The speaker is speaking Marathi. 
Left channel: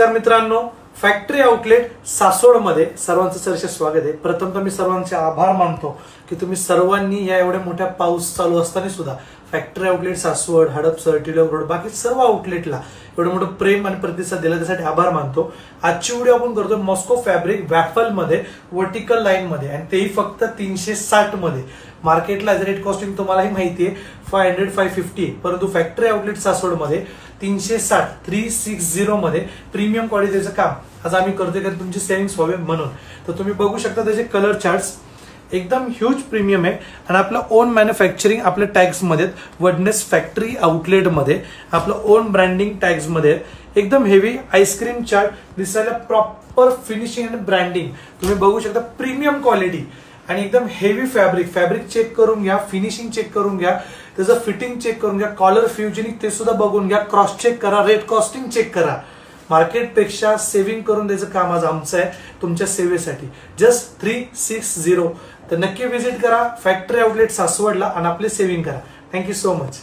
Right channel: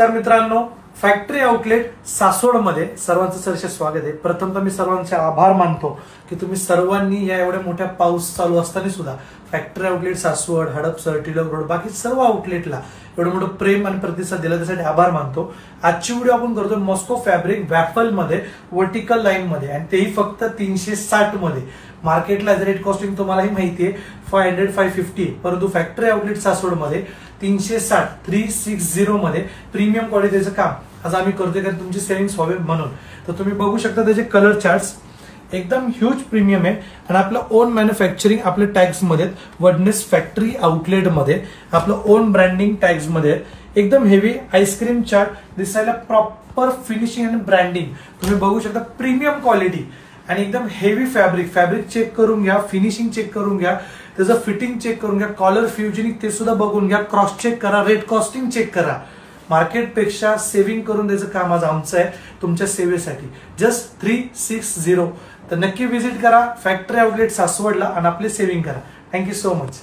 नमस्कार मित्रांनो, फॅक्टरी आउटलेट सासवडमध्ये सर्वांचं सहर्ष स्वागत आहे। प्रथमतः मी सर्वांचे आभार मानतो की तुम्ही सर्वांनी या एवढ्या मोठ्या पाऊस चालू असताना सुद्धा factory outlet Saswad, Hadapsar, Tilak road, बाकी सर्व आउटलेटला एवढं मोठं प्रेम आणि प्रतिसाद दिला, त्यासाठी आभार मानतो। आजची व्हिडिओ आपण करतो मॉस्को फॅब्रिक वॅफल मध्ये वर्टिकल लाईन मध्ये, आणि तेही फक्त 360 मध्ये। मार्केटला रेट कॉस्टिंग तुम्हालाही माहिती आहे 500 550, परंतु फॅक्टरी आउटलेट सासवड मध्ये 360 360 मध्ये प्रीमियम क्वालिटीचं काम आज आम्ही करतोय, कारण तुमची सेव्हिंग्स व्हावे म्हणून। तर तुम्ही बघू शकता त्याचे कलर चार्ट्स एकदम ह्यूज प्रीमियम आहे, आणि आपलं ओन मॅन्युफॅक्चरिंग आपल्या टॅग्स मध्ये, वडनेस फॅक्टरी आउटलेट मध्ये आपलं ओन ब्रँडिंग टॅग्स मध्ये, एकदम हेवी आईस्क्रीम चार्ट दिसायला, प्रॉपर फिनिशिंग आणि ब्रँडिंग तुम्ही बघू शकता, प्रीमियम क्वालिटी आणि एकदम हेवी फॅब्रिक चेक करून घ्या, फिनिशिंग चेक करून घ्या, त्याचं फिटिंग चेक करून घ्या, कॉलर फ्युजनिंग ते सुद्धा बघून घ्या, क्रॉस चेक करा, रेट कॉस्टिंग चेक करा। मार्केटपेक्षा सेव्हिंग करून द्यायचं काम आज आमचं आहे तुमच्या सेवेसाठी, जस्ट 360। तर नक्की व्हिजिट करा फॅक्टरी आउटलेट सासवडला आणि आपले सेव्हिंग करा। Thank you so much.